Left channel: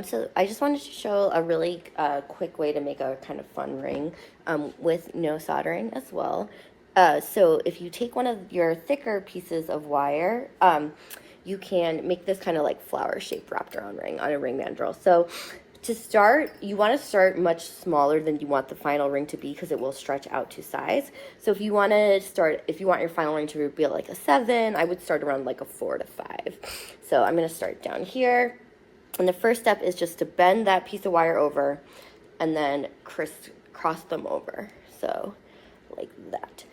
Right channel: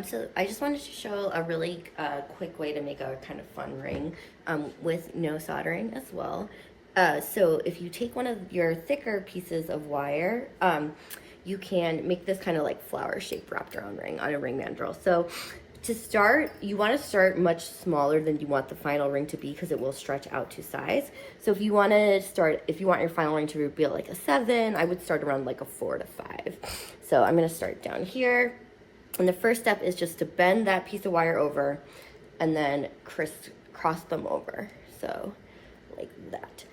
So I just wanted to show a really quick way to make a kind of fun ring with no soldering as well. So if you take one of your thicker pieces of wire, you can make this kind of like flower shaped wrapped around ring on a ring mandrel. So to start, you want to start much smaller than you want the final ring to be because it will stretch out to size. So if you want your final ring to be like a 7, I would start around like a 4 to 5. So I'm going to start down here. And the first step is just to bend that piece of wire over and then cross them over. So like that.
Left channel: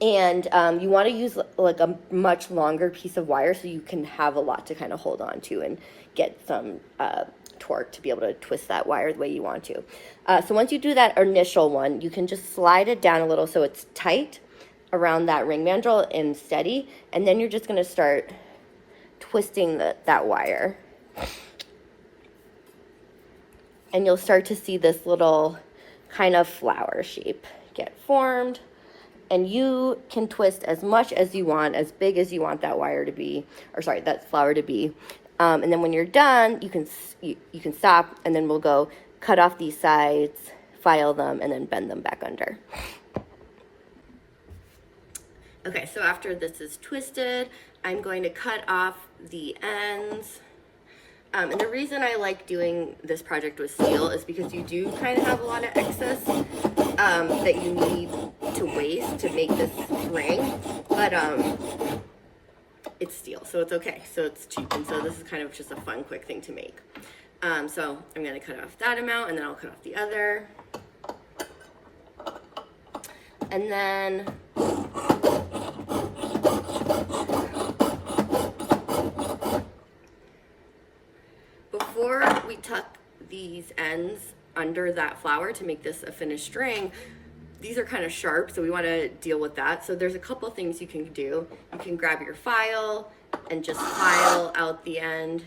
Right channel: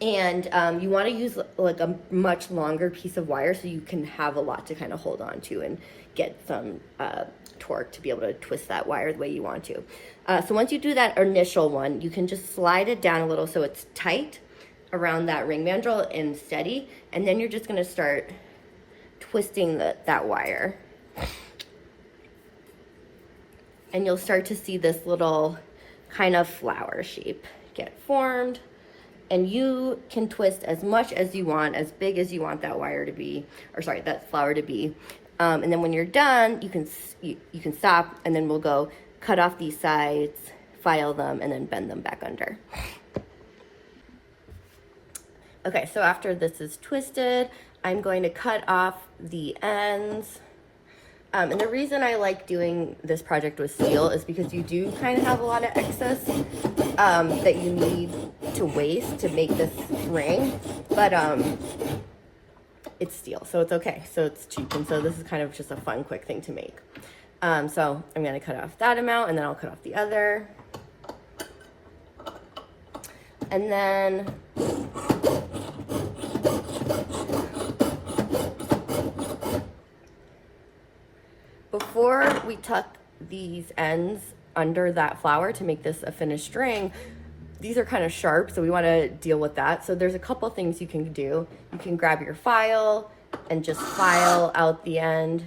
You want to use like a much longer piece of wire so you can have a lot to kind of hold on to and get some torque to be able to twist that wire the way you want to. So once you do that initial one, you can just slide it down a little so it's tight around that ring mandrel and steady. And then you're just going to start twisting that wire. And you'll start to see this little kind of flower shape get formed. And you can twist as much as you want, as big as you want that wire to be, that flower to be. And then when you're done, you can stop, and then we'll go cut off these sides, file them, and then bend them back under. Okay, so after this is twisted, I'm going to cut off the ends. And the reason I like doing this project with steel is because you do kind of have a lot of excess that you need to waste to make this ring, but it's steel, so it's okay. So it's cheap, and so this is kind of just a fun, quick thing to make. So I'm going to cut off that amount, and then I'll cut off the other. And then before we tuck these ends under that flower to make this a finished ring, these are kind of sharp, so we want to deal with that. So there's a couple things you can do. You can grab your file and just file out the end.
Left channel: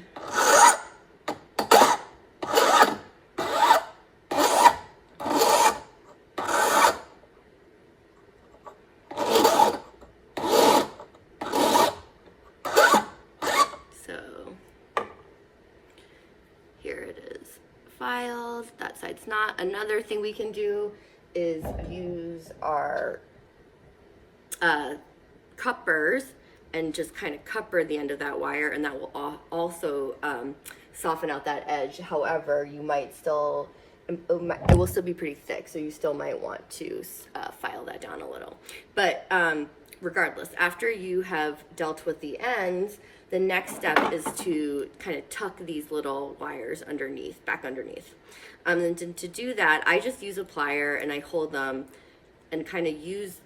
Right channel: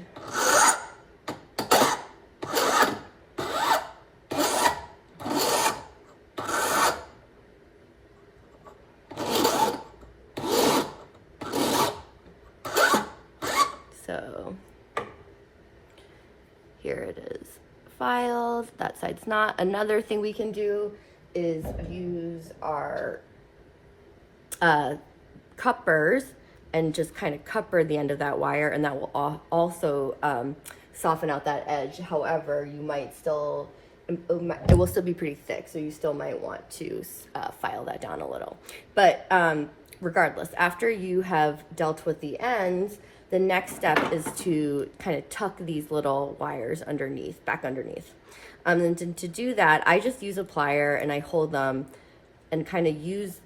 So here it is filed, that side's not. Another thing we can do is use our cuppers and just kind of cupper the end of that wire, and that will also soften out that edge. However, you might still, it will still be pretty thick, so you still might want to file that down a little. But regardless, after you have dealt with the ends, the next step is to kind of tuck these little wires underneath, back underneath. And to do that, I just use a plier and I hold them and kind of use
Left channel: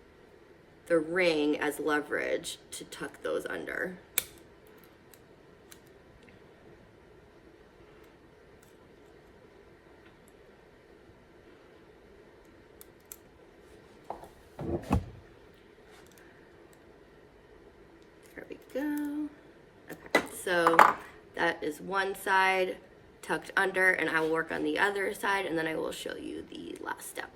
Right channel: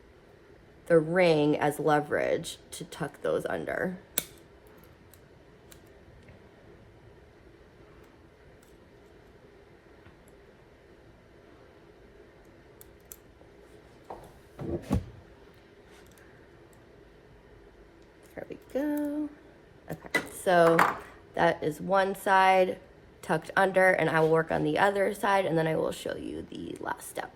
the ring as leverage to tuck those under. There we go. Okay, so that is one side tucked under, and I will work on the other side, and then I will show you the last step.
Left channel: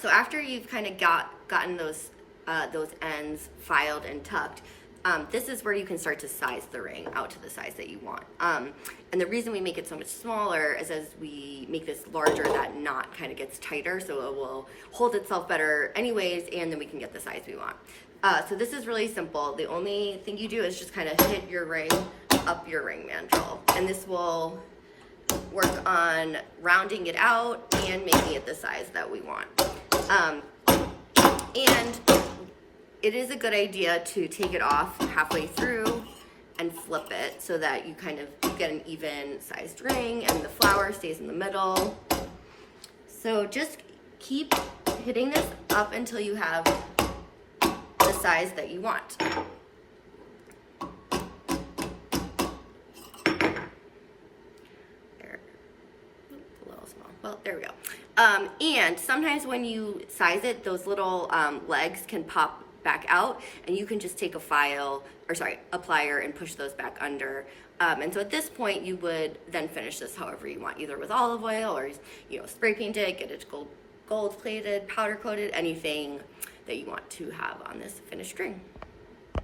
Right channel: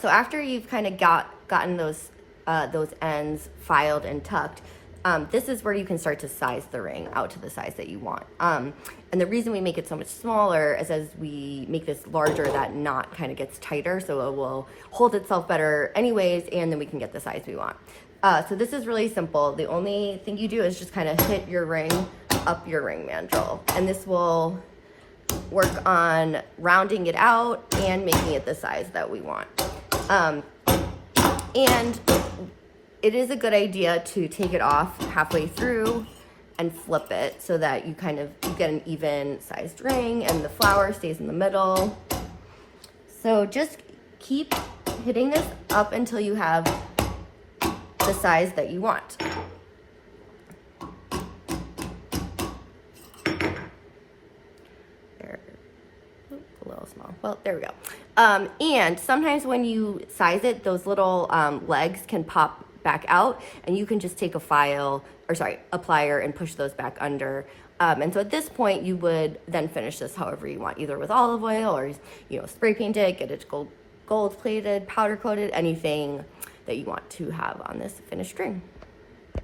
So after you've kind of gotten those ends filed and tucked, this is where you can start to size the ring out to the size that you want. And the reason we make it so much smaller is as we make this larger, that knot kind of gets tighter, so it will hold itself better anyways, and then we can get the size we want. So this is really simple. The only thing you do is just kind of hit your ring up your ring mandrel, and this will work on rounding it out and making it the size that we want. And it is a good idea to take it off halfway through and flip it so that you get an even sized ring and the flower stays in the middle. So just keep hitting this up until you have the size that you want. A little small. Well, there we go. And sometimes when you size it, those little legs can pop back out, and you can just take a plier and push those back under. And so at this point, you would then finish this however you want, either with olive oil or, spray paint it, get it gold plated, powder coated, anything that you want to have on this finished string.